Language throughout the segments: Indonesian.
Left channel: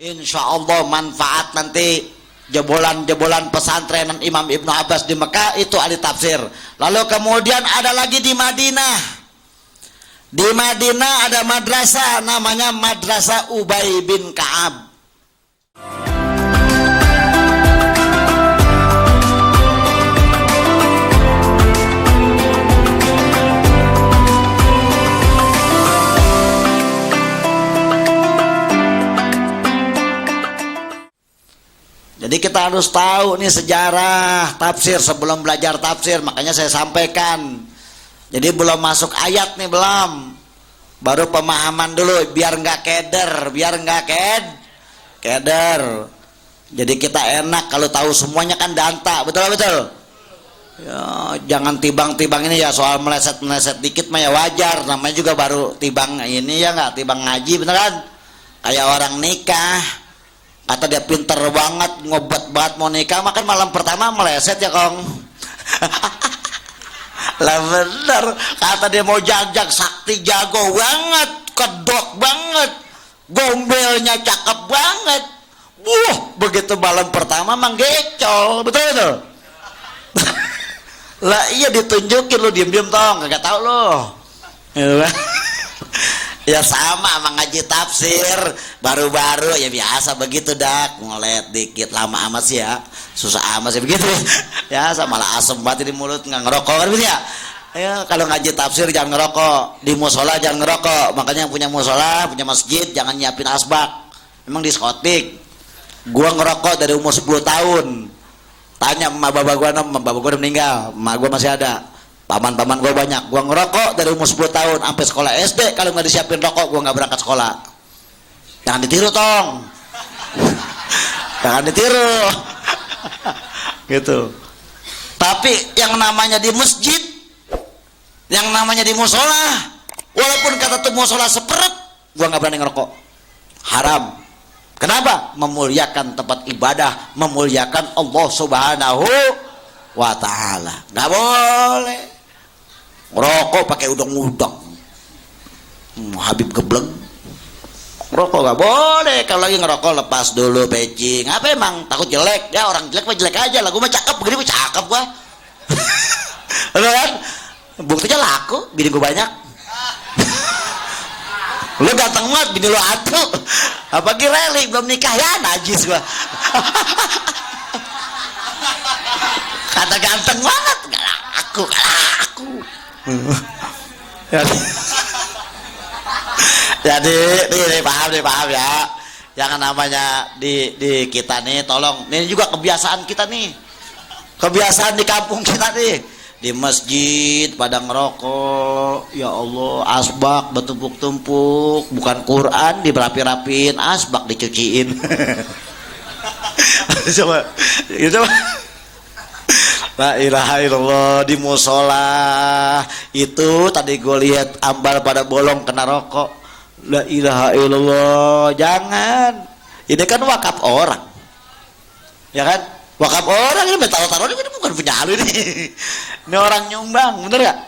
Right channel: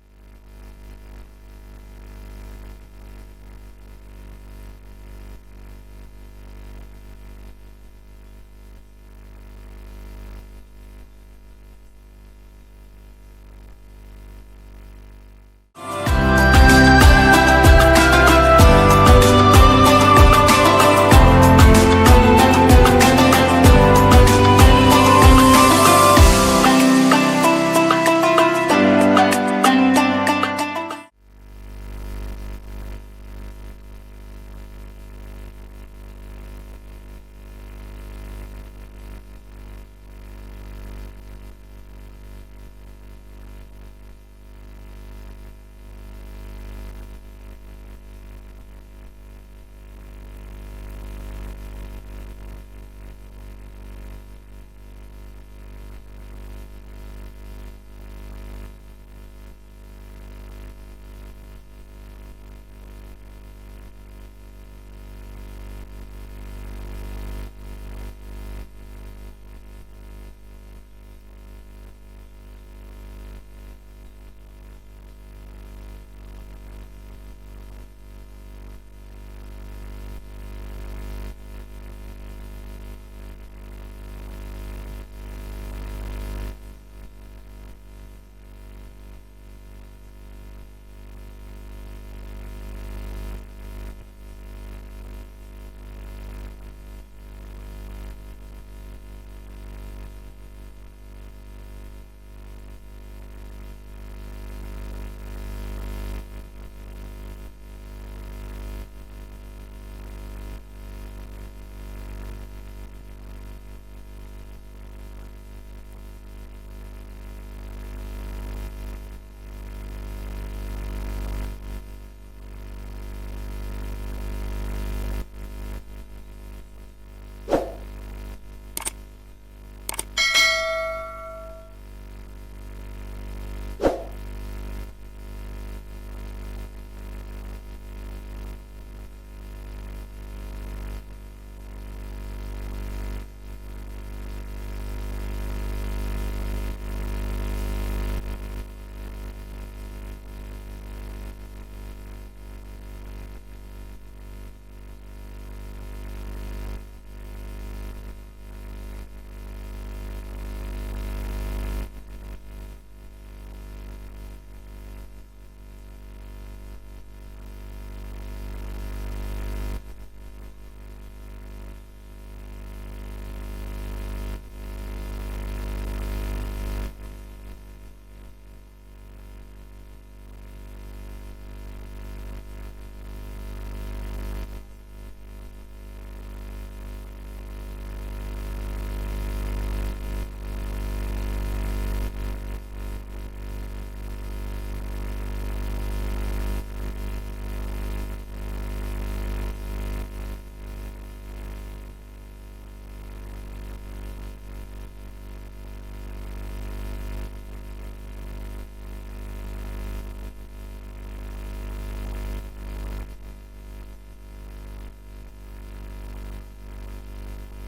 Insya Allah manfaat nanti jebolan-jebolan pesantren Imam Ibnu Abbas di Mekah itu ahli tafsir. Lalu kemudian ada lagi di Madinah. Di Madinah ada madrasah namanya Madrasah Ubay bin Ka'ab. Jadi kita harus tahu nih sejarah tafsir sebelum belajar tafsir. Makanya saya sampaikan. Jadi belum masuk ayat nih, belum. Baru pemahaman dulu biar nggak keder, keder. Jadi kita enak kalau tahu semuanya kan danta, betul. Ya, jangan tibang-tibang ini ya, soal meleset-meleset dikit mah ya wajar. Namanya juga baru tibang ini ya, nggak tibang ngaji, bener kan? Kayak orang nikah. Kata dia pinter banget, ngobat banget mau nikah, makan malam pertama meleset ya Kong. Lah bener, kata dia mau jajak sakti jago banget, kedok banget, gombelnya cakep banget. Begitu malam pertama manggecol, betul. Lah iya ditunjukin lu diem-diem tong, kagak tahu lu. Ya sama sama ngaji tafsir baru-baru ya biasa begitu dak, ngolet dikit lama amat sih ya, susah amat sih begitu ya, sama malah asem banget di mulut, nggak ngerokok kan gitu ya. Ya kalau ngaji tafsir jangan ngerokok, di musola jangan ngerokok, makanya yang punya musola punya masjid jangan nyiapin asbak, emang diskotik. Gua ngerokok dari umur 10 tahun, tanya emak bapak gua, bapak gua udah meninggal, emak gua masih ada, paman-paman gue banyak. Gue ngerokok dari umur 10 tahun sampai sekolah SD. Kalau nggak disiapin rokok gue nggak berangkat sekolah. Jangan ditiru tong. Jangan ditiru. Gitu. Tapi yang namanya di masjid, yang namanya di musola, walaupun kata tuh musola seperet, gue nggak berani ngerokok. Haram. Kenapa? Memuliakan tempat ibadah, memuliakan Allah Subhanahu wa ta'ala. Nggak boleh ngerokok pakai udang-udang, Habib gebleng. Ngerokok nggak boleh. Kalau lagi ngerokok lepas dulu pecing. Apa emang takut jelek? Ya orang jelek mah jelek aja lah. Gue mah cakep, begini gue cakep gua. Bener kan? Buktinya laku, bini gue banyak. Lu ganteng banget, bini lu atu. Apa Reli belum nikah ya najis gua. Kata ganteng banget, gak laku. Jadi nih paham ya. Jangan namanya di kita nih, tolong. Ini juga kebiasaan kita nih. Kebiasaan di kampung kita nih. Di masjid pada ngerokok. Ya Allah, asbak bertumpuk-tumpuk. Bukan Quran dirapi-rapiin, asbak dicuciin. Coba. La ilaha illallah. Di musola itu tadi gue lihat ambal pada bolong kena rokok. La ilaha illallah. Jangan. Ini kan wakaf orang, ya kan? Wakaf orang ini taruh-taruh ini bukan punya lu ini. Ini orang nyumbang, bener gak?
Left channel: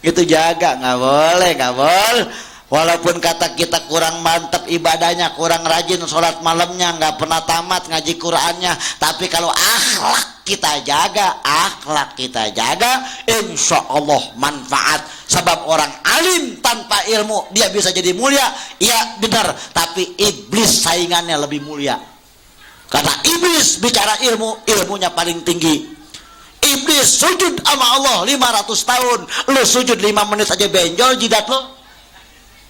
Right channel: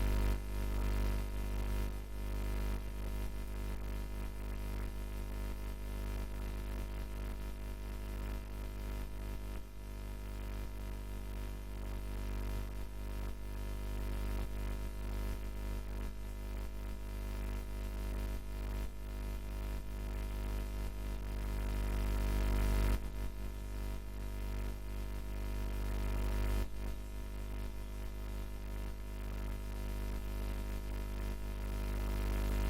Itu jaga, nggak boleh. Walaupun kata kita kurang mantap ibadahnya, kurang rajin sholat malamnya, nggak pernah tamat ngaji Qurannya, tapi kalau akhlak kita jaga, insya Allah manfaat. Sebab orang alim tanpa ilmu dia bisa jadi mulia, iya benar, tapi iblis saingannya lebih mulia. Karena iblis bicara ilmu, ilmunya paling tinggi. Iblis sujud sama Allah 500 tahun, lu sujud 5 menit aja benjol jidat lo.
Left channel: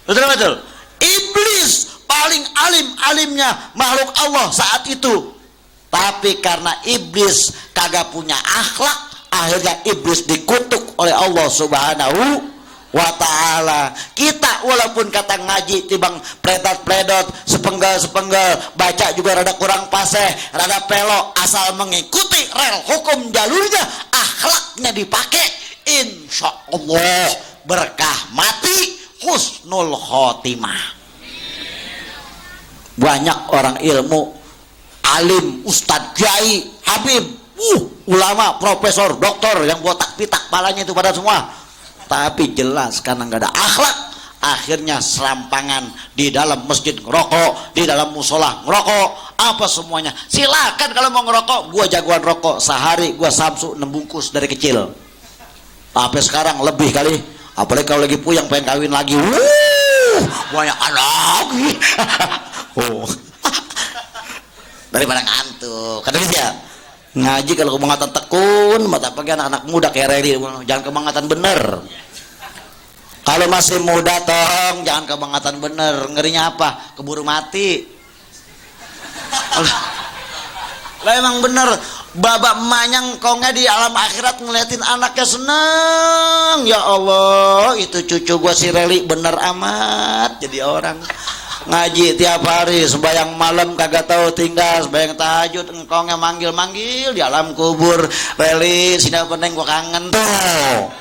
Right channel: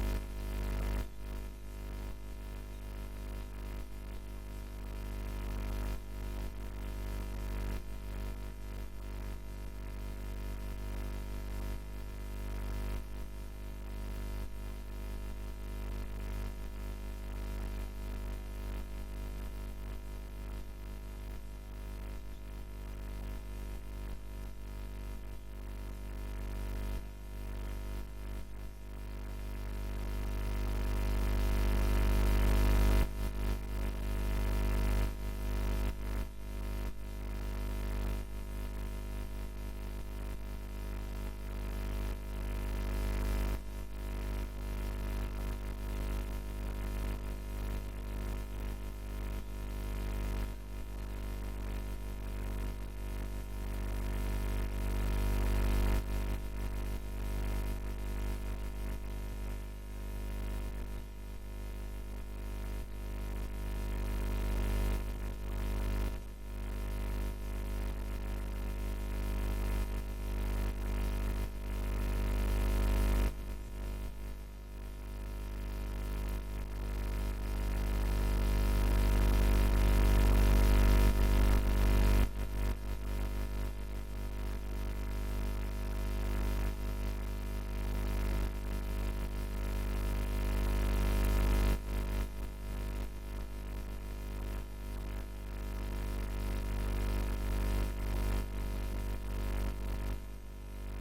Betul. Iblis paling alimnya makhluk Allah saat itu. Tapi karena iblis kagak punya akhlak, akhirnya iblis dikutuk oleh Allah Subhanahu wa ta'ala. Kita walaupun kata ngaji tibang predot sepenggal baca juga rada kurang fasih, rada pelok, asal mengikuti rel hukum jalurnya, akhlaknya dipakai, insya Allah berkah mati, husnul khotimah. Banyak orang ilmu, alim, ustadz, kiai, habib, ulama, profesor, doktor yang botak pitak palanya itu pada semua, tapi jelas karena nggak ada akhlak, akhirnya serampangan di dalam masjid ngerokok, di dalam musola ngerokok, apa semuanya. Silakan kalau mau ngerokok, gua jagoan rokok, sehari gua Samsu 6 bungkus dari kecil. Sampai sekarang lebih kali, apalagi kalau lagi puyeng pengen kawin lagi, banyak lagi. Oh. Daripada ngantuk, kata dia ngaji kalau kebangatan tekun, mata pagi anak-anak muda kayak Redi, jangan kebangatan bener. Kalau masih muda tong, jangan kebangatan bener. Ngerinya apa? Keburu mati. Lah emang bener, babak emaknya kongnya di alam akhirat ngeliatin anaknya seneng. Ya Allah, itu cucu gua si Reli bener amat jadi orang. Ngaji tiap hari, sembahyang malam kagak tahu tinggal, sembahyang tahajud engkongnya manggil-manggil di alam kubur. Reli, sini peneng gua kangen tuh.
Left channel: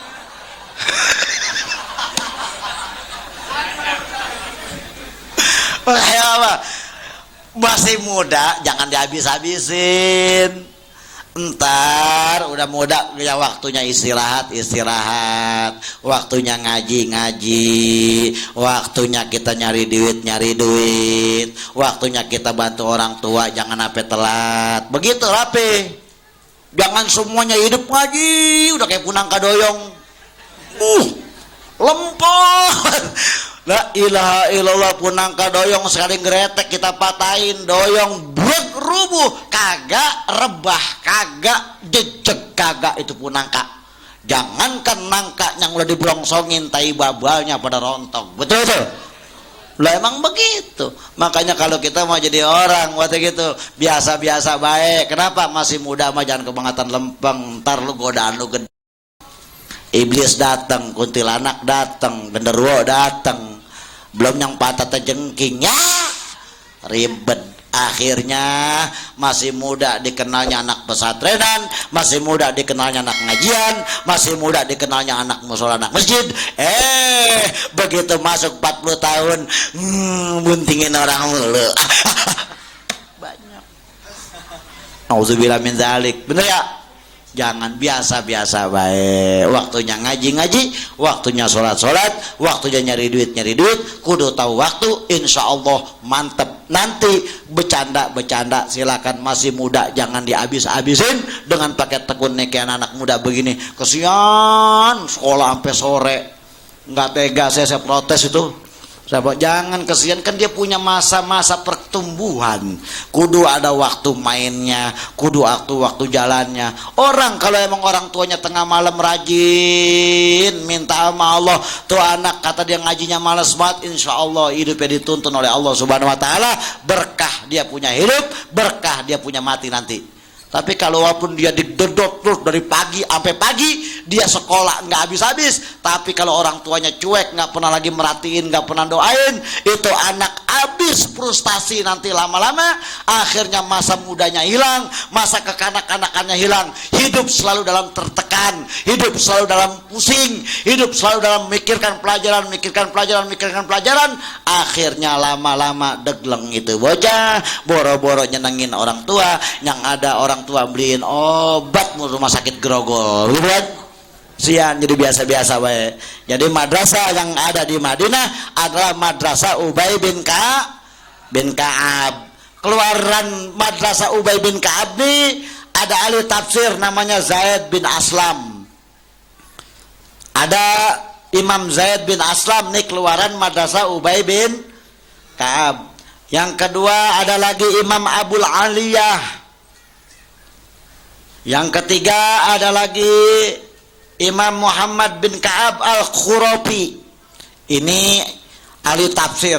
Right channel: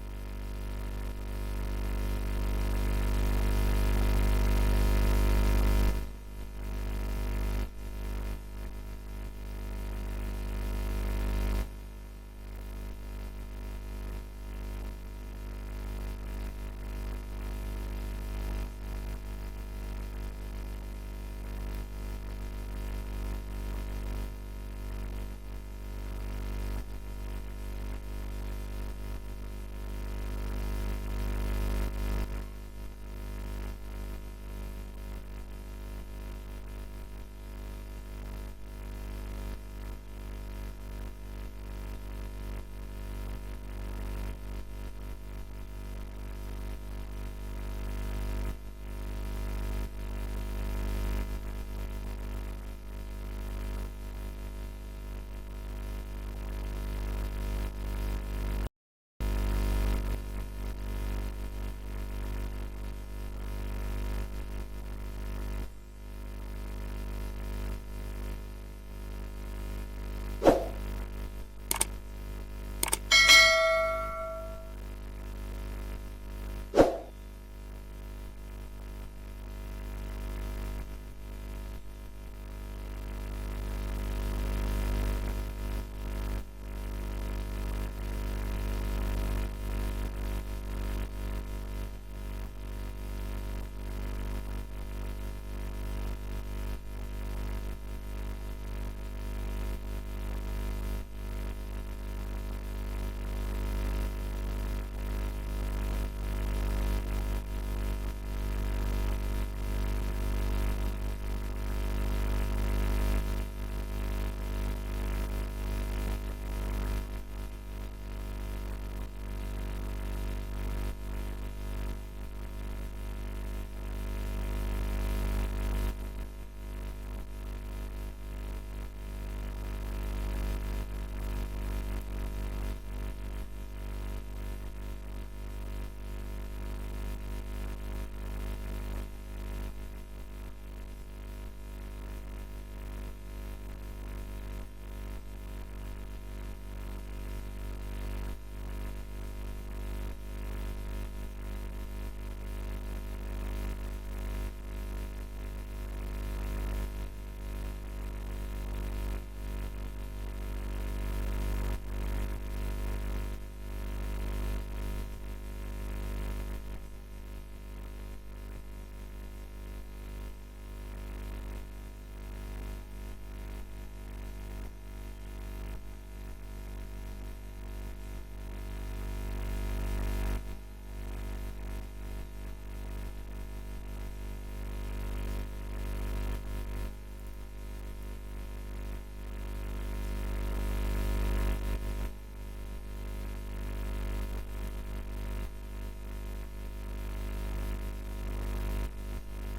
Apa? Masih muda jangan dihabis-habisin. Entar udah muda ya waktunya istirahat, waktunya ngaji, waktunya kita nyari duit, waktunya kita bantu orang tua, jangan sampai telat. Begitu rapi. Jangan semuanya hidup ngaji, udah kayak punangka doyong. Lempar. La ilaha illallah, punangka doyong sekali geretek kita patahin, doyong brek rubuh, kagak rebah, kagak jejeg, kagak itu punangka. Jangankan nangka yang udah dibrongsongin, tai babalnya pada rontok. Betul betul. Lah emang begitu. Makanya kalau kita mau jadi orang waktu gitu biasa-biasa baik. Kenapa? Masih muda mah jangan kebangatan lempeng, ntar lu godaan lu gede. Iblis datang, kuntilanak datang, genderuwo datang, belum yang patah terjengking, ya ribet. Akhirnya masih muda dikenalnya anak pesantrenan, masih muda dikenalnya anak ngajian, masih muda dikenalnya anak musola, anak masjid. Begitu masuk 40 tahun, buntingin orang mulu. Banyak. Auzubillah min zalik. Bener ya? Jangan biasa-biasa baik. Waktunya ngaji-ngaji, waktunya sholat-sholat, waktunya nyari duit, kudu tahu waktu. Insya Allah mantep. Nanti bercanda silakan, masih muda jangan dihabis-habisin dengan pakai tekun kayak anak muda begini. Kesian sekolah sampai sore, nggak tega saya protes itu. Jangan kesian, kan dia punya masa-masa pertumbuhan, kudu ada waktu mainnya, kudu waktu jalannya. Orang kalau emang orang tuanya tengah malam rajin minta sama Allah, tuh anak kata dia ngajinya malas banget, insya Allah hidupnya dituntun oleh Allah Subhanahu Wa Taala, berkah dia punya hidup, berkah dia punya mati nanti. Tapi kalau walaupun dia didedot terus dari pagi sampai pagi, dia sekolah nggak habis-habis, tapi kalau orang tuanya cuek, nggak pernah lagi merhatiin, nggak pernah doain, itu anak habis frustasi nanti lama-lama. Akhirnya masa mudanya hilang, masa kekanak-kanakannya hilang, hidup selalu dalam tertekan, hidup selalu dalam pusing, hidup selalu dalam memikirkan pelajaran. Akhirnya lama-lama degleng itu bocah, boro-boro nyenengin orang tua, yang ada orang tua beliin obat mau rumah sakit grogol, gitu kan? Sian, jadi biasa-biasa baik. Jadi madrasah yang ada di Madinah adalah madrasah Ubay bin Ka'ab. Keluaran madrasah Ubay bin Ka'ab ini ada ahli tafsir namanya Zaid bin Aslam. Ada Imam Zaid bin Aslam nih keluaran madrasah Ubay bin Ka'ab. Yang kedua ada lagi Imam Abul Aliyah. Yang ketiga ada lagi Imam Muhammad bin Ka'ab al-Khurafi. Ini ahli tafsir.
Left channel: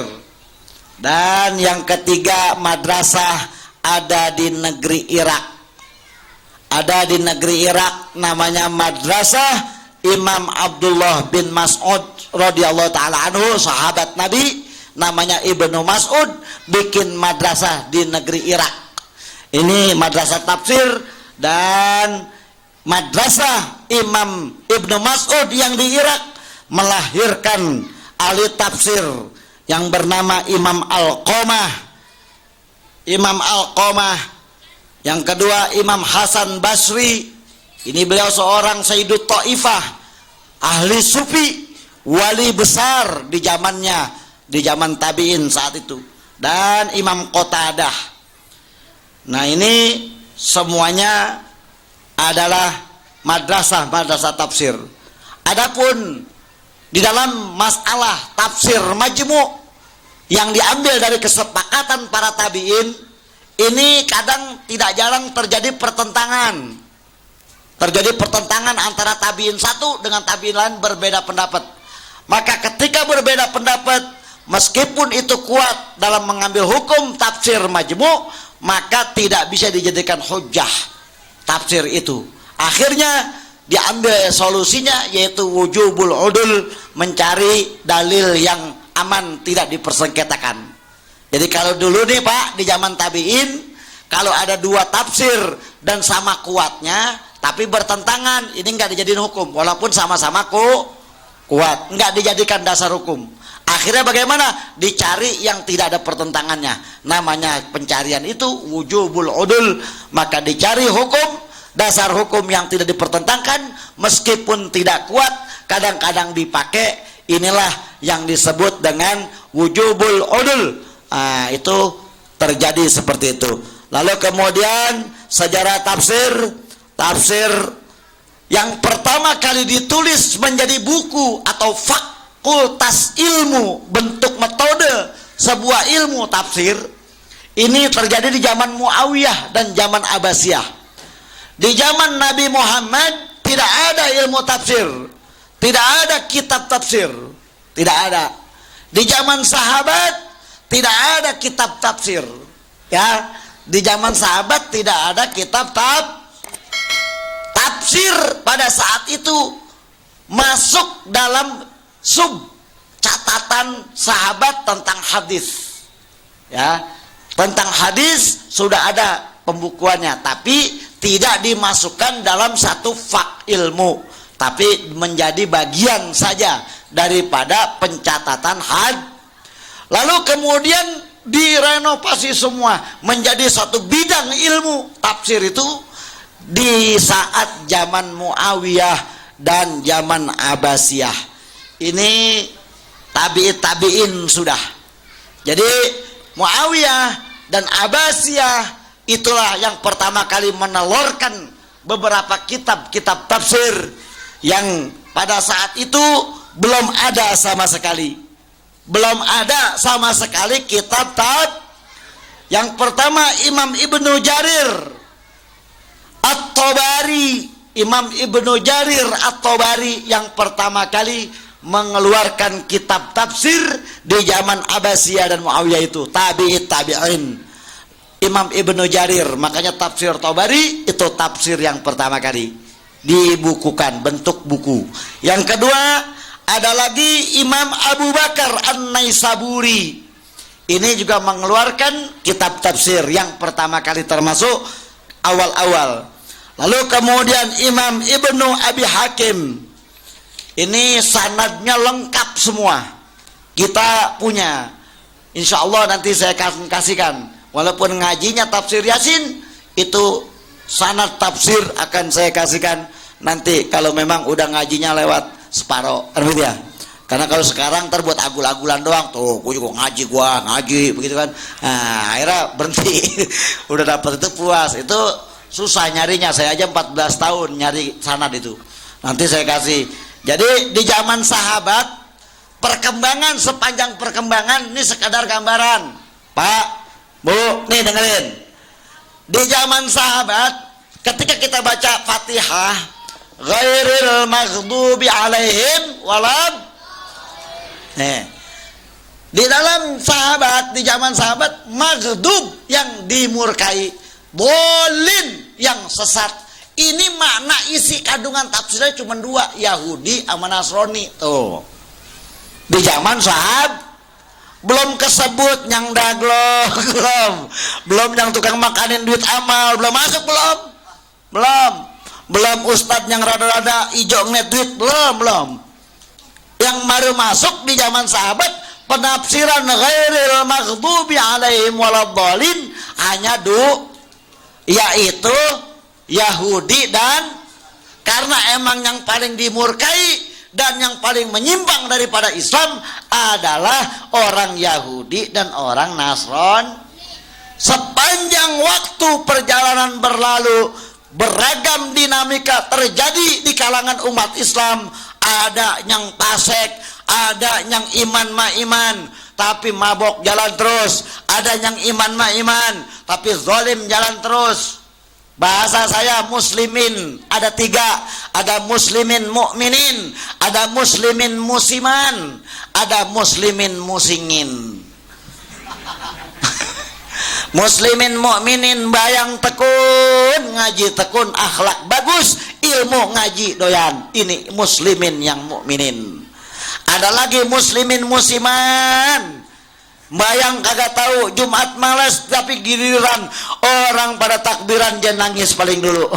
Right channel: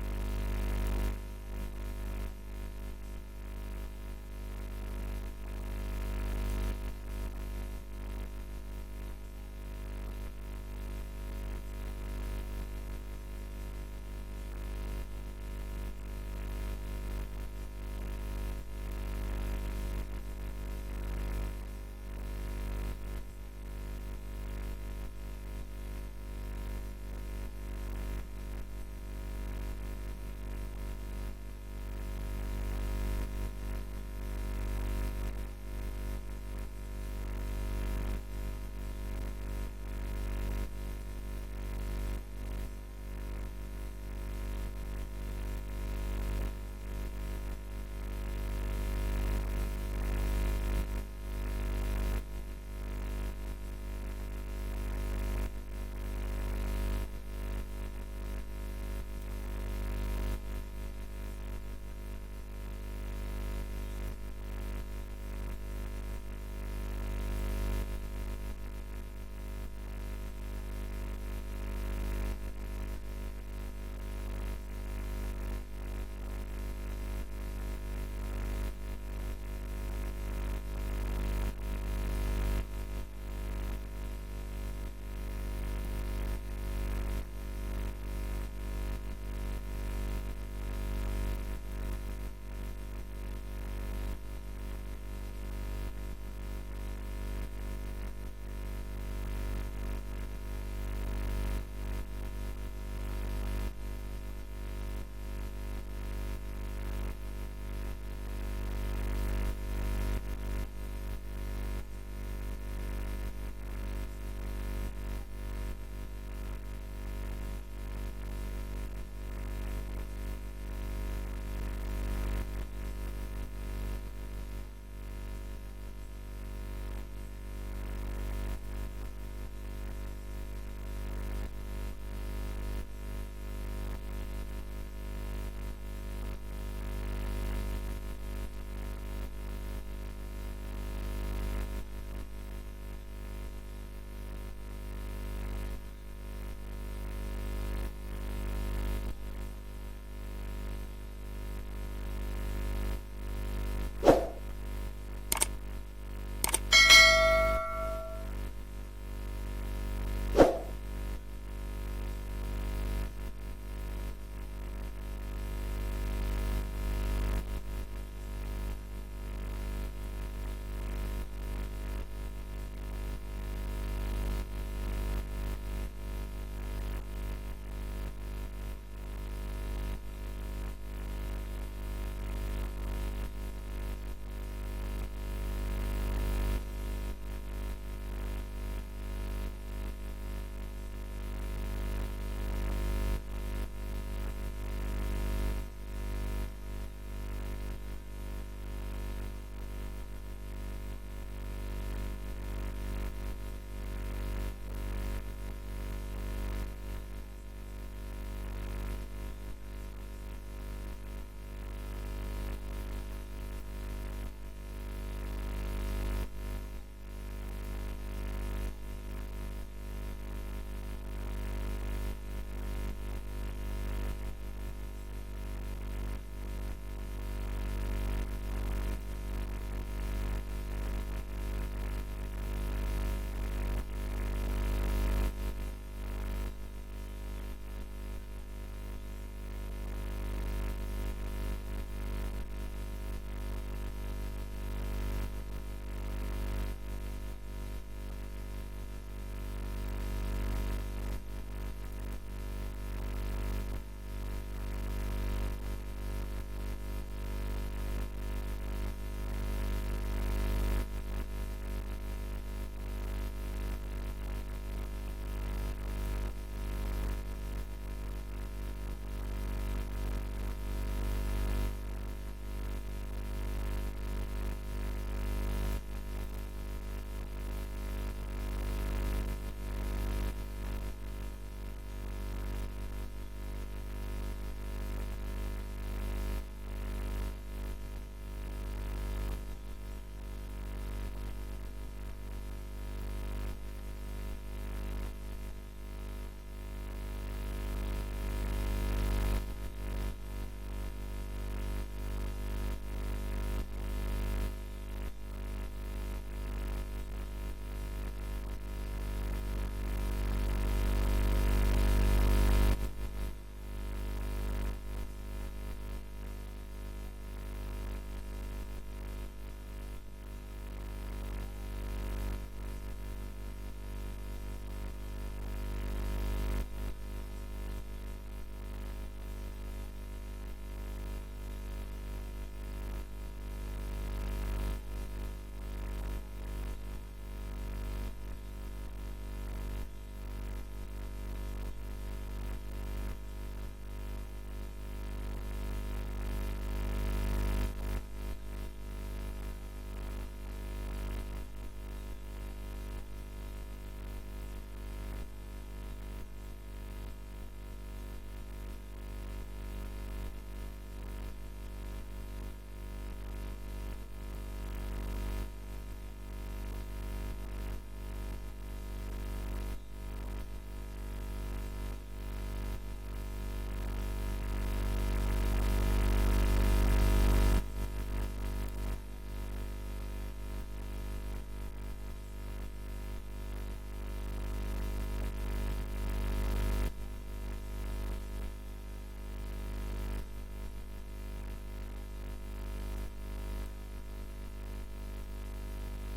Dan yang ketiga madrasah ada di negeri Irak. Ada di negeri Irak namanya madrasah Imam Abdullah bin Mas'ud radhiyallahu taala anhu, sahabat Nabi, namanya Ibnu Mas'ud, bikin madrasah di negeri Irak. Ini madrasah tafsir. Dan madrasah Imam Ibnu Mas'ud yang di Irak melahirkan ahli tafsir yang bernama Imam Alqamah. Yang kedua Imam Hasan Basri. Ini beliau seorang Sayyidut Ta'ifah, ahli sufi, wali besar di zamannya, di zaman tabi'in saat itu, dan Imam Qatadah. Nah ini semuanya adalah madrasah tafsir. Adapun di dalam masalah tafsir majmu' yang diambil dari kesepakatan para tabi'in, ini kadang tidak jarang terjadi pertentangan. Terjadi pertentangan antara tabi'in satu dengan tabi'in lain berbeda pendapat. Maka ketika berbeda pendapat, meskipun itu kuat dalam mengambil hukum tafsir majmu', maka tidak bisa dijadikan hujjah tafsir itu. Akhirnya diambil solusinya, yaitu wujubul udul, mencari dalil yang aman, tidak dipersengketakan. Jadi kalau dulu nih Pak, di zaman tabi'in, kalau ada dua tafsir dan sama kuatnya tapi bertentangan, ini nggak dijadiin hukum walaupun sama-sama kuat, nggak dijadikan dasar hukum. Akhirnya bagaimana? Dicari yang tidak ada pertentangannya. Namanya pencarian itu wujubul udul. Maka dicari hukum, dasar hukum yang tidak dipertentangkan, meskipun tidak kuat, kadang-kadang dipakai. Inilah yang disebut dengan wujubul udul. Nah, itu terjadi seperti itu. Lalu kemudian sejarah tafsir yang pertama kali ditulis menjadi buku atau fakultas ilmu, bentuk metode sebuah ilmu tafsir, ini terjadi di zaman Muawiyah dan zaman Abbasiyah. Di zaman Nabi Muhammad tidak ada ilmu tafsir, tidak ada kitab tafsir, tidak ada. Di zaman sahabat tidak ada kitab tafsir, ya. Di zaman sahabat tidak ada kitab tafsir. Pada saat itu masuk dalam sub catatan sahabat tentang hadis, ya. Tentang hadis sudah ada pembukuannya, tapi tidak dimasukkan dalam satu fak ilmu, tapi menjadi bagian saja daripada pencatatan Lalu kemudian direnovasi semua menjadi satu bidang ilmu tafsir itu di saat zaman Muawiyah dan zaman Abbasiyah. Ini tabi'in sudah. Jadi Muawiyah dan Abbasiyah itulah yang pertama kali menelurkan beberapa kitab-kitab tafsir yang pada saat itu belum ada sama sekali. Belum ada sama sekali kitab yang pertama Imam Ibnu Jarir At-Tabari. Imam Ibnu Jarir At-Tabari yang pertama kali mengeluarkan kitab tafsir di zaman Abbasiyah dan Muawiyah, itu tabi'in. Imam Ibnu Jarir, makanya tafsir Tabari itu tafsir yang pertama kali dibukukan bentuk buku. Yang kedua ada lagi Imam Abu Bakar An-Naisaburi. Ini juga mengeluarkan kitab tafsir yang pertama kali, termasuk awal-awal. Lalu kemudian Imam Ibnu Abi Hakim. Ini sanadnya lengkap semua, kita punya. Insya Allah nanti saya kasihkan. Walaupun ngajinya tafsir Yasin, itu sanad tafsir akan saya kasihkan nanti kalau memang udah ngajinya lewat separoh, ya. Karena kalau sekarang terbuat agul-agulan doang, tuh gue juga ngaji begitu kan. Nah, akhirnya berhenti. Udah dapat itu puas. Itu susah nyarinya, saya aja 14 tahun nyari sanad itu. Nanti saya kasih. Jadi di zaman sahabat, perkembangan sepanjang perkembangan ini sekadar gambaran, Pak, Bu, nih dengerin. Di zaman sahabat, ketika kita baca Fatihah, ghairil maghdubi alaihim walad. Di dalam sahabat, di zaman sahabat, maghdub yang dimurkai, bolin yang sesat. Ini makna isi kandungan tafsirnya cuma dua, Yahudi sama Nasrani. Tuh. Di zaman sahabat belum kesebut yang daglok, belum yang tukang makanin duit amal, belum masuk, belum ustadz yang rada-rada ijo ngeliat duit, belum. Yang baru masuk di zaman sahabat penafsiran ghairil maghdubi alaihim waladhdallin, hanya yaitu Yahudi, dan karena emang yang paling dimurkai dan yang paling menyimpang daripada Islam adalah orang Yahudi dan orang Nasrani. Sepanjang waktu perjalanan berlalu, beragam dinamika terjadi di kalangan umat Islam. Ada yang fasik, ada yang iman ma iman tapi mabok jalan terus, ada yang iman ma iman tapi zalim jalan terus. Bahasa saya muslimin ada 3, ada muslimin mukminin, ada muslimin musiman, ada muslimin musingin. Muslimin mukminin bayang tekun, ngaji tekun, akhlak bagus, ilmu ngaji doyan. Ini muslimin yang mukminin. Ada lagi muslimin musiman, bayang kagak tahu, Jumat malas tapi giliran orang pada takbiran dia nangis paling dulu.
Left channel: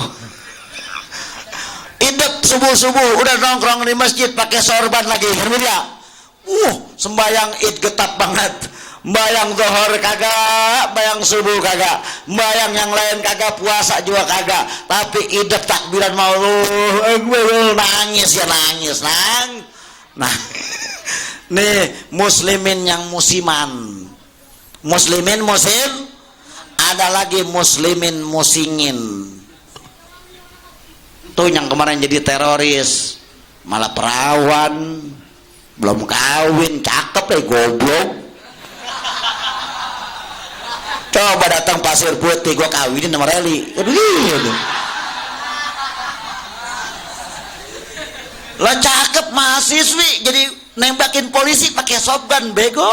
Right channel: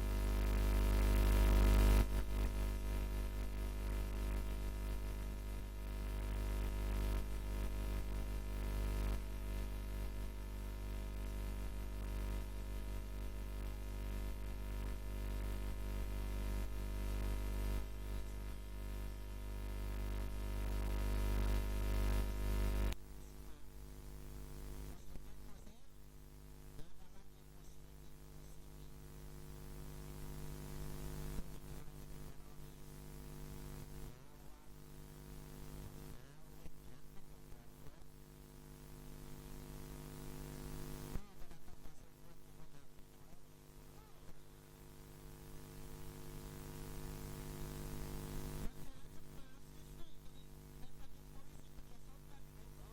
Idep subuh-subuh udah nongkrong di masjid pakai sorban lagi, ya. Sembayang id getap banget. Bayang zuhur kagak, bayang subuh kagak, bayang yang lain kagak, puasa juga kagak, tapi idep takbiran mau nangis ya nangis nang. Nah, nih muslimin yang musiman, muslimin musim, ada lagi muslimin musingin. Tuh yang kemarin jadi teroris, malah perawan, belum kawin, cakep goblok. Coba datang Pasir Putih, gua kawinin sama Reli. Aduh. Lah cakep mahasiswi jadi nembakin polisi pakai shotgun, bego.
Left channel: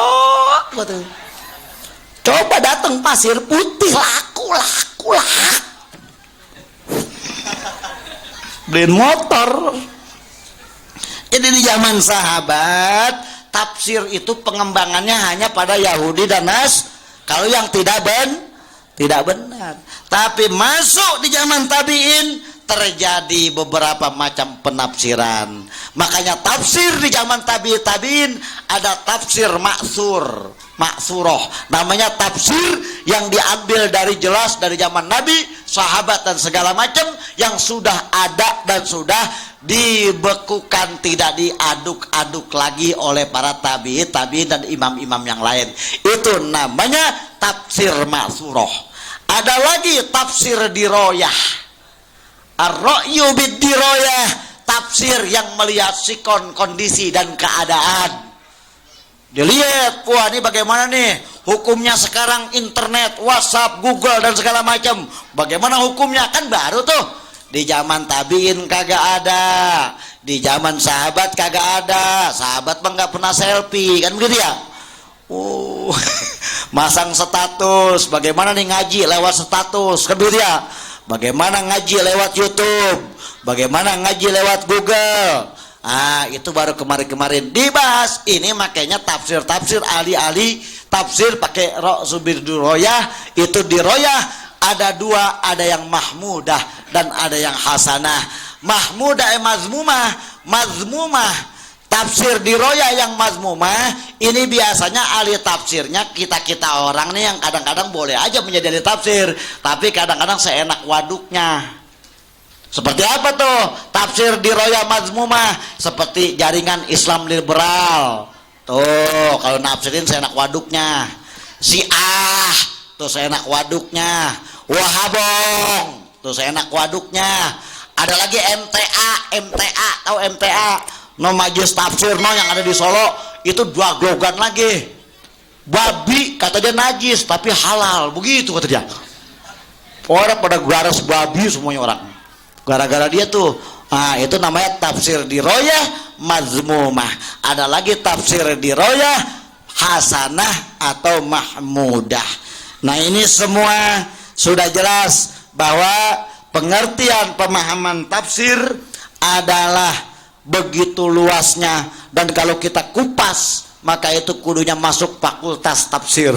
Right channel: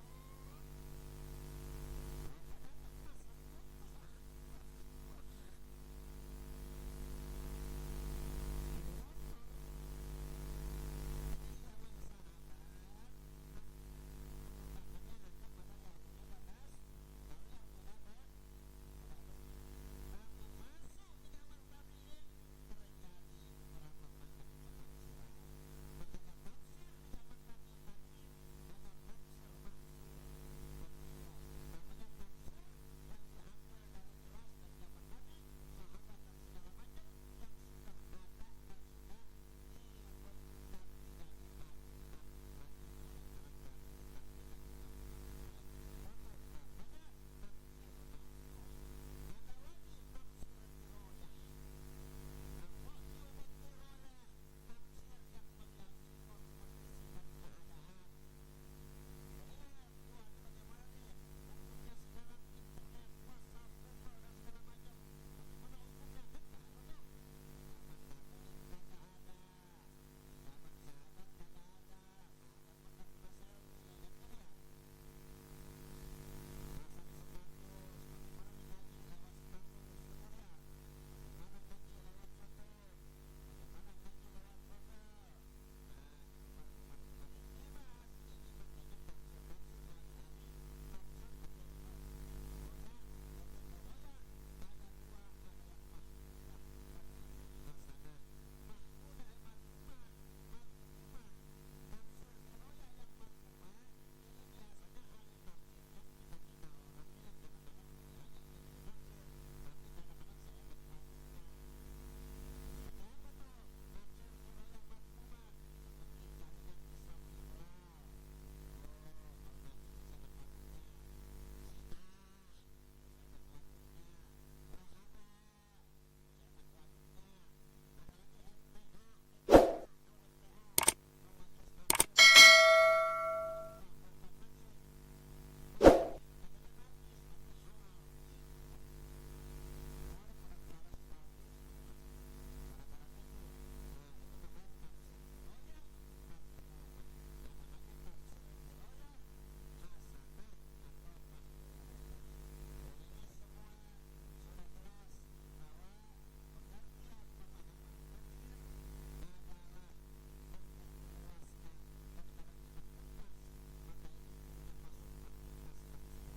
Coba datang Pasir Putih, laku. Beliin motor. Jadi di zaman sahabat, tafsir itu pengembangannya hanya pada Yahudi dan kalau yang tidak benar. Tapi masuk di zaman tabi'in terjadi beberapa macam penafsiran. Makanya tafsir di zaman tabi'in ada tafsir maksuroh. Namanya tafsir yang diambil dari jelas dari zaman Nabi, sahabat dan segala macam yang sudah ada dan sudah dibekukan, tidak diaduk-aduk lagi oleh para tabi'in dan imam-imam yang lain. Itu namanya tafsir maksuroh. Ada lagi tafsir diroyah, ar-ra'yu bid-diroyah, tafsir yang melihat sikon, kondisi dan keadaan. Dilihat, wah ini bagaimana nih hukumnya sekarang, internet, WhatsApp, Google dan segala macam. Bagaimana hukumnya? Kan baru tuh. Di zaman tabiin kagak ada, di zaman sahabat kagak ada. Sahabat mah nggak pernah selfie, kan begitu ya? Masang status, bagaimana nih ngaji lewat status, kan begitu ya? Bagaimana ngaji lewat YouTube, bagaimana ngaji lewat Google. Itu baru kemarin-kemarin dibahas. Ini makanya tafsir ahli-ahli tafsir pakai subir diroyah. Itu diroyah ada 2, ada yang mahmudah dan ada yang hasanah. Mahmudah mazmumah. Tafsir diroyah yang mazmumah ini biasanya ahli tafsirnya kita orang nih yang kadang-kadang boleh aja menjadi ahli tafsir, tapi kadang-kadang seenak waduknya. Seperti apa tuh tafsir diroyah mazmumah? Seperti jaringan Islam liberal. Tuh kalau nafsirin seenak waduknya. Syiah tuh seenak waduknya. Wahabong tuh seenak waduknya. Ada lagi MTA, tahu MTA? No Majlis Tafsir no yang ada di Solo itu 2 glogan lagi. Babi kata dia najis tapi halal, begitu kata dia. Orang pada garas babi semuanya orang. Gara-gara dia tuh. Itu namanya tafsir diroyah mazmumah. Ada lagi tafsir diroyah hasanah atau mahmudah. Nah ini semua sudah jelas bahwa pengertian pemahaman tafsir adalah begitu luasnya, dan kalau kita kupas maka itu kudunya masuk fakultas tafsir.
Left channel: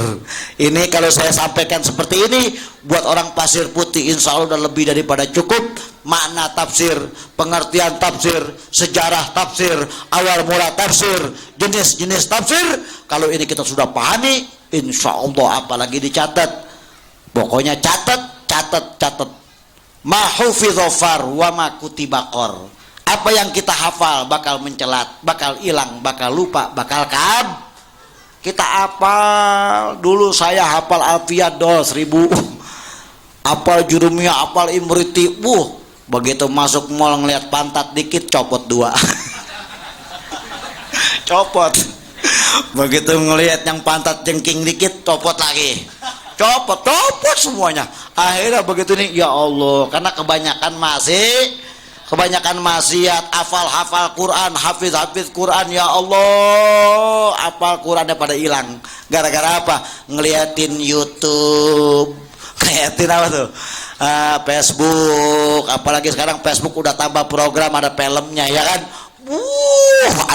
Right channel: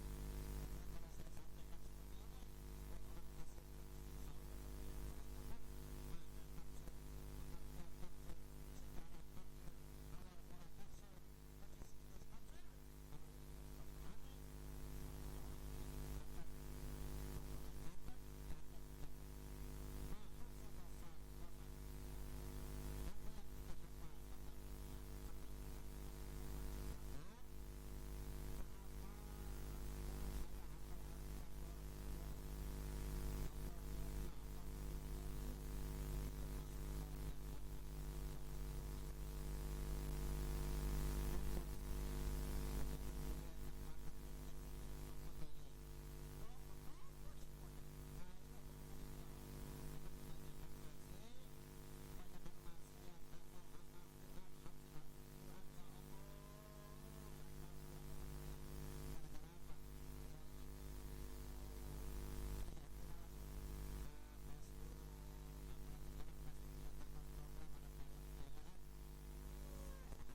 Ini kalau saya sampaikan seperti ini buat orang Pasir Putih insya Allah udah lebih daripada cukup. Makna tafsir, pengertian tafsir, sejarah tafsir, awal mula tafsir, jenis-jenis tafsir, kalau ini kita sudah pahami insya Allah apalagi dicatat. Pokoknya catat. Ma hufidho far wa ma kutiba qor. Apa yang kita hafal bakal mencelat, bakal hilang, bakal lupa, bakal kita hafal. Dulu saya hafal Alfiyat 1000, hafal Jurumiyah, hafal Imriti. Begitu masuk mall ngeliat pantat dikit, copot 2. Copot. Begitu ngelihat yang pantat jengking dikit, copot lagi. Copot semuanya. Akhirnya begitu nih, ya Allah, karena kebanyakan maksiat, hafal Quran, hafiz Quran, ya Allah, hafal Qurannya pada hilang. Gara-gara apa? Ngeliatin YouTube, ngeliatin apa tuh? Facebook, apalagi sekarang Facebook udah tambah program, ada filmnya, ya kan?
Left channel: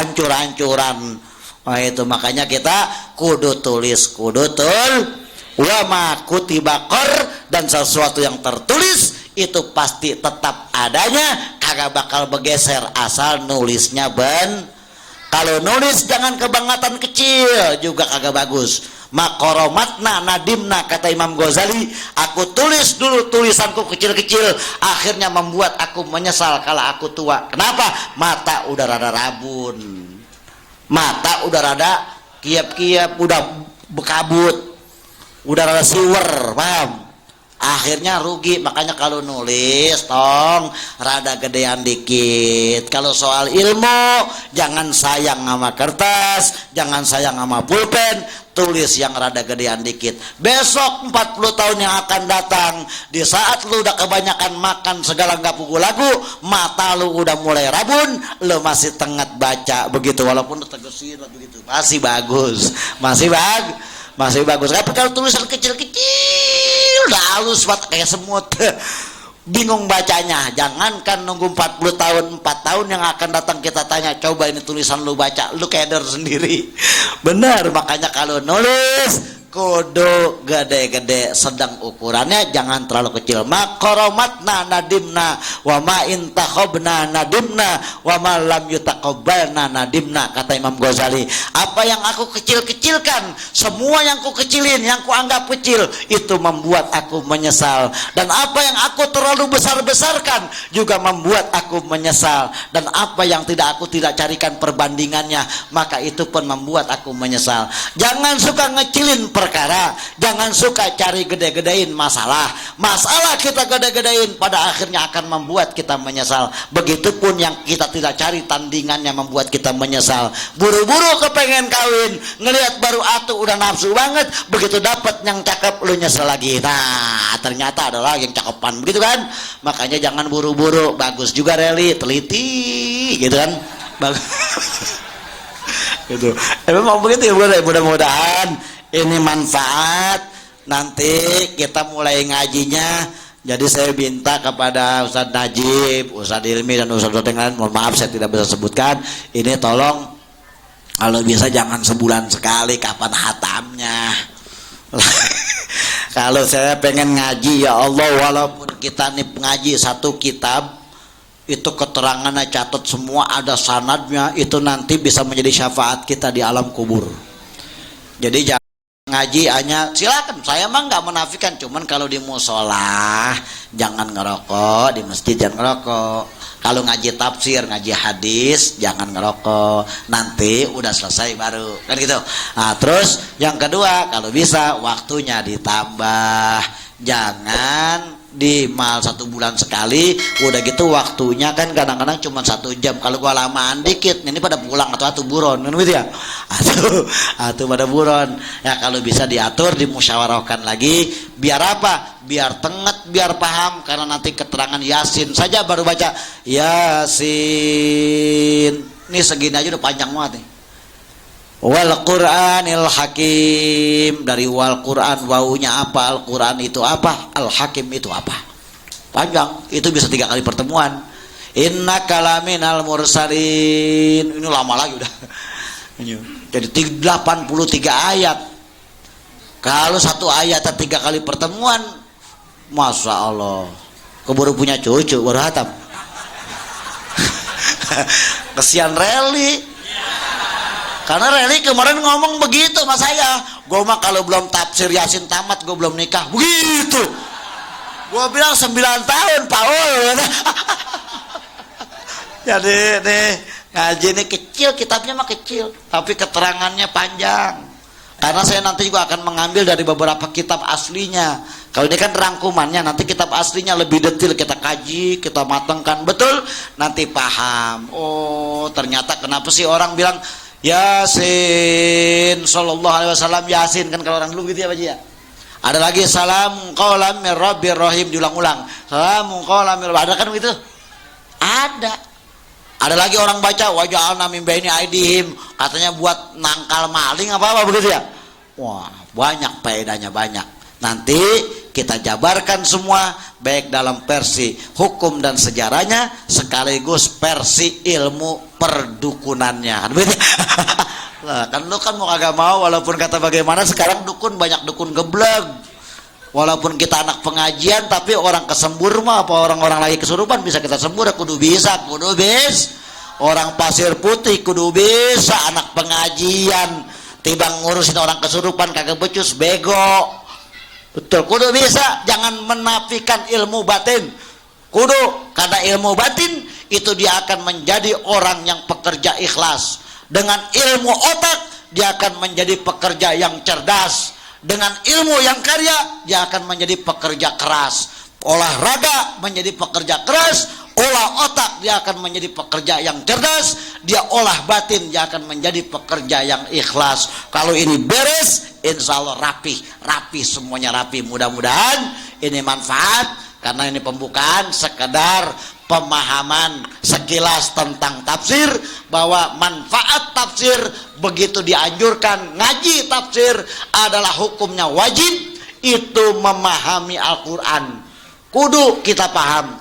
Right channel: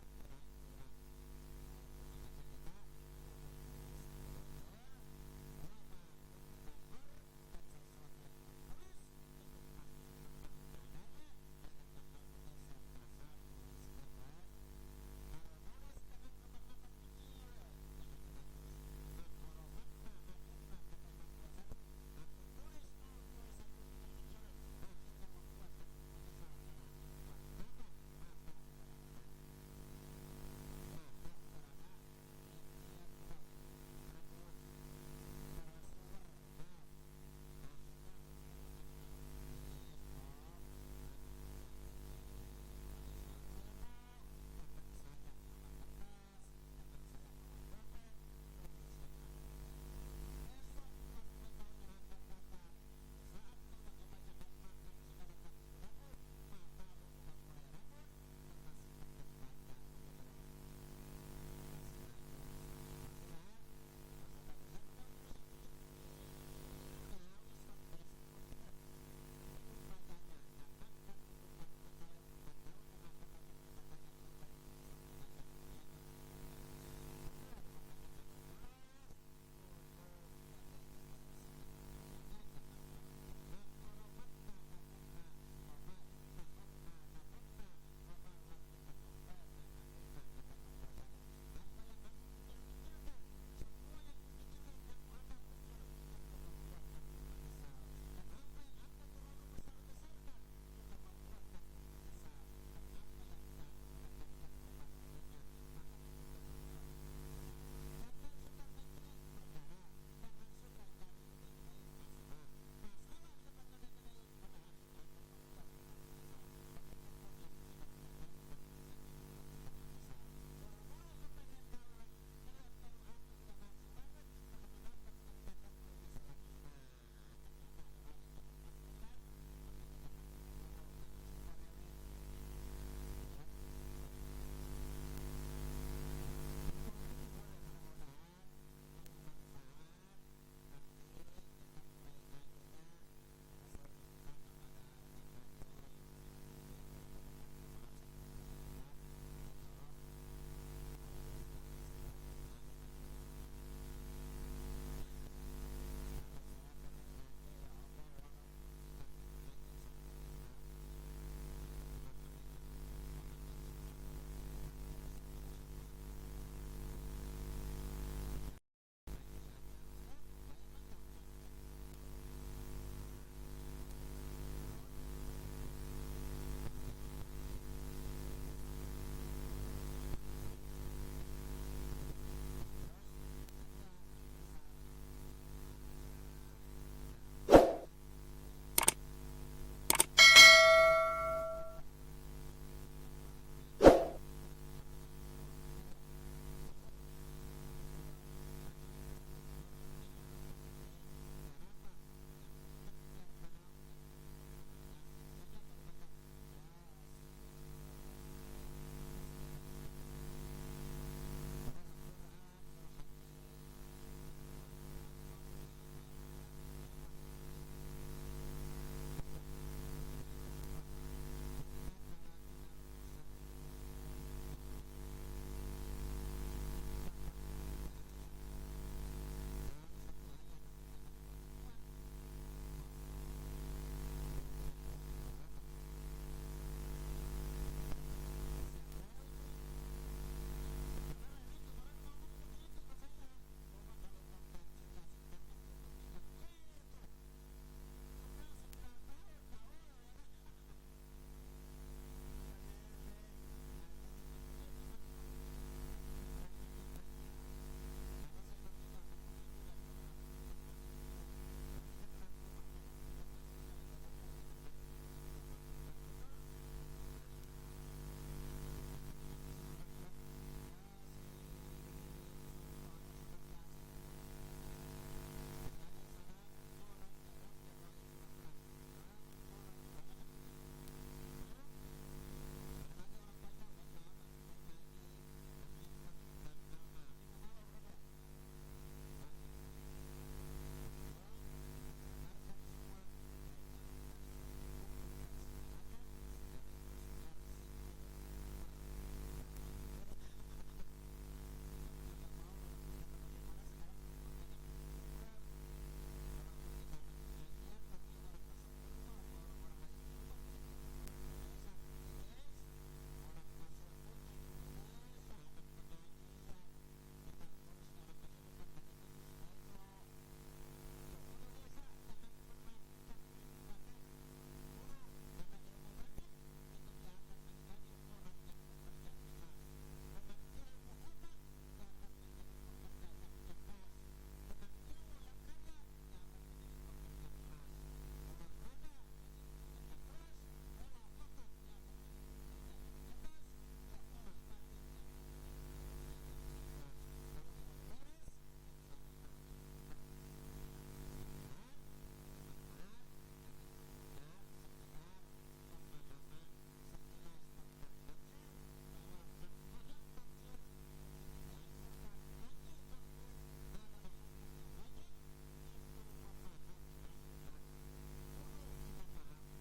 Hancur-hancuran. Nah itu makanya kita kudu tulis, wa ma kutibakor, dan sesuatu yang tertulis itu pasti tetap adanya, kagak bakal bergeser asal nulisnya kalau nulis jangan kebangatan kecil juga kagak bagus. Makoromatna nadimna, kata Imam Ghazali, aku tulis dulu tulisanku kecil-kecil, akhirnya membuat aku menyesal kalau aku tua. Kenapa? Mata udah rada rabun, mata udah rada kiap-kiap, udah bekabut, udah rada siwer, paham? Akhirnya rugi. Makanya kalau nulis tong rada gedean dikit. Kalau soal ilmu jangan sayang sama kertas, jangan sayang sama pulpen, tulis yang rada gedean dikit. Besok 40 tahun yang akan datang, di saat lu udah kebanyakan makan segala nggak pugu lagu, mata lu udah mulai rabun, lu masih tengah baca begitu, walaupun tegesin begitu masih bagus, masih bagus. Tapi kalau tulisan kecil-kecil udah halus banget kayak semut, bingung bacanya. Jangankan nunggu 40 tahun, 4 tahun yang akan datang kita tanya, coba ini tulisan lu baca, lu keder sendiri. Benar, makanya kalau nulis kudu gede-gede, sedang ukurannya, jangan terlalu kecil. Makoromatna nadimna wa ma intakhobna nadimna wa ma lam yutaqabbalna nadimna, kata Imam Ghazali. Apa yang aku kecil-kecilkan, semua yang ku kecilin, yang ku anggap kecil, itu membuat aku menyesal. Dan apa yang aku terlalu besar-besarkan juga membuat aku menyesal. Dan apa yang aku tidak carikan perbandingannya, maka itu pun membuat aku menyesal. Jangan suka ngecilin perkara, jangan suka cari gede-gedein masalah kita gede-gedein, pada akhirnya akan membuat kita menyesal. Begitupun yang kita tidak cari tandingannya membuat kita menyesal. Buru-buru kepengen kawin, ngelihat baru atuh udah nafsu banget, begitu dapat yang cakep lu nyesel lagi. Nah ternyata ada lagi yang cakepan, begitu kan? Makanya jangan buru-buru. Bagus juga reli, teliti gitu kan, bagus. Gitu. Memang begitu ya, mudah-mudahan ini manfaat. Nanti kita mulai ngajinya. Jadi saya minta kepada Ustadz Najib, Ustadz Ilmi, dan Ustadz yang lain, mohon maaf saya tidak bisa sebutkan, ini tolong kalau bisa jangan sebulan sekali, kapan hatamnya. Kalau saya pengen ngaji, ya Allah, walaupun kita nih ngaji satu kitab, itu keterangannya catat semua, ada sanadnya, itu nanti bisa menjadi syafaat kita di alam kubur. Jadi jangan ngaji hanya, silakan, saya mah nggak menafikan, cuman kalau di musola jangan ngerokok, di masjid jangan ngerokok. Kalau ngaji tafsir, ngaji hadis jangan ngerokok, nanti udah selesai baru kan gitu. Nah terus yang kedua, kalau bisa waktunya ditambah, jangan di mal 1 bulan sekali, udah gitu waktunya kan kadang-kadang cuma 1 jam. Kalau gua lamaan dikit, ini pada pulang atau buron kan gitu ya, atau pada buron ya. Kalau bisa diatur, dimusyawarahkan lagi, biar apa? Biar tenget, biar paham. Karena nanti keterangan Yasin saja baru baca Yasin, ini segini aja udah panjang banget nih. Wal Qur'anil Hakim, dari wal Qur'an, wawunya apa, Al Qur'an itu apa, Al Hakim itu apa, panjang. Itu bisa 3 kali pertemuan. Inna kalaminal mursalin, ini lama lagi udah. Jadi 83 ayat. Kalau 1 ayat 3 kali pertemuan, masya Allah, keburu punya cucu baru hatam. Kesian Reli. Karena Reli kemarin ngomong begitu sama saya, gue mah kalau belum tafsir Yasin tamat gue belum nikah, begitu. Gue bilang 9 tahun Paul. Jadi nih ngaji ini kecil, kitabnya mah kecil, tapi keterangannya panjang. Karena saya nanti juga akan mengambil dari beberapa kitab aslinya. Kalau ini kan rangkumannya, nanti kitab aslinya lebih detail kita kaji, kita matangkan betul, nanti paham. Oh, ternyata kenapa sih orang bilang Yasin sallallahu alaihi wasallam, Yasin kan kalau orang dulu gitu ya Pak Ji ya. Ada lagi salam qaulam mir rabbir rahim, diulang-ulang. Salam qaulam mir, ada kan begitu? Ada. Ada lagi orang baca waja'alna min baini aidihim, katanya buat nangkal maling apa begitu ya. Wah, banyak faedahnya, banyak. Nanti kita jabarkan semua, baik dalam versi hukum dan sejarahnya sekaligus versi ilmu perdukunannya. Nah, kan lu kan mau kagak mau, walaupun kata bagaimana sekarang dukun banyak dukun geblek. Walaupun kita anak pengajian, tapi orang kesembur mah apa orang-orang lagi kesurupan bisa kita sembur, kudu bisa. Orang pasir putih kudu bisa, anak pengajian timbang ngurusin orang kesurupan kagak becus, bego. Betul, kudu bisa. Jangan menafikan ilmu batin. Kudu, karena ilmu batin itu dia akan menjadi orang yang pekerja ikhlas. Dengan ilmu otak dia akan menjadi pekerja yang cerdas. Dengan ilmu yang karya dia akan menjadi pekerja keras. Olahraga menjadi pekerja keras, olah otak dia akan menjadi pekerja yang cerdas, dia olah batin dia akan menjadi pekerja yang ikhlas. Kalau ini beres, insya Allah rapi semuanya rapi. Mudah-mudahan ini manfaat, karena ini pembukaan sekedar pemahaman sekilas tentang tafsir, bahwa manfaat tafsir begitu dianjurkan. Ngaji tafsir adalah hukumnya wajib, itu memahami Al-Quran. Kudu kita paham,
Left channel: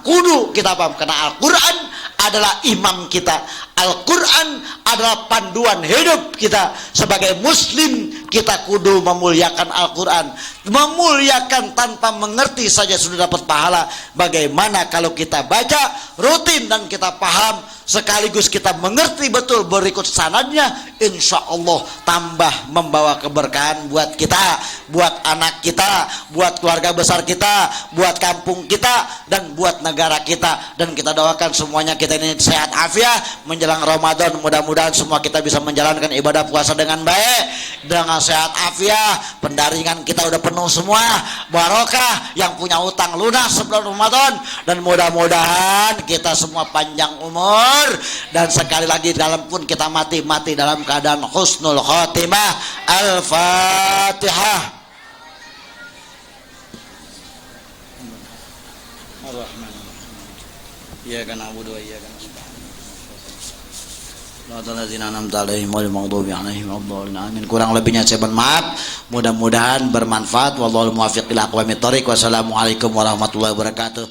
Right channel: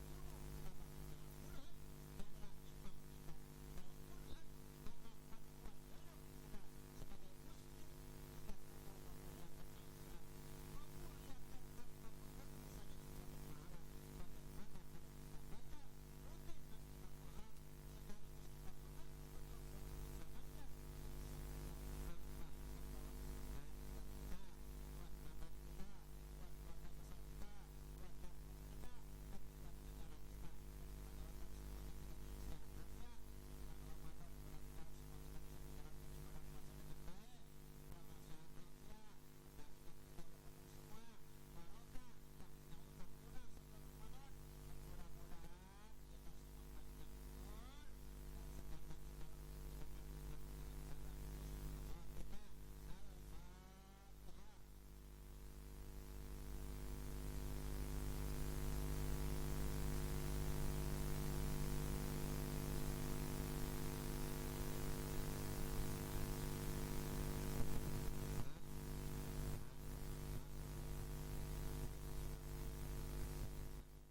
karena Al-Quran adalah imam kita. Al-Quran adalah panduan hidup kita. Sebagai muslim kita kudu memuliakan Al-Quran. Memuliakan tanpa mengerti saja sudah dapat pahala. Bagaimana kalau kita baca rutin dan kita paham, sekaligus kita mengerti betul berikut sanadnya, insya Allah tambah membawa keberkahan buat kita, buat anak kita, buat keluarga besar kita, buat kampung kita, dan buat negara kita. Dan kita doakan semuanya kita ini sehat afiat menjelang Ramadan. Mudah-mudahan semua kita bisa menjalankan ibadah puasa dengan baik, dengan sehat afiat. Pendaringan kita udah penuh semua, barokah. Yang punya utang lunas sebelum Ramadan, dan mudah-mudahan kita semua panjang umur, dan sekali lagi dalam pun kita mati dalam keadaan husnul khotimah. Al-Fatihah. Iyyaka na'budu wa iyyaka nasta'in. Amin. Kurang lebihnya saya mohon maaf. Mudah-mudahan bermanfaat. Wallahul muwaffiq ila aqwamit thoriq. Wassalamualaikum warahmatullahi wabarakatuh.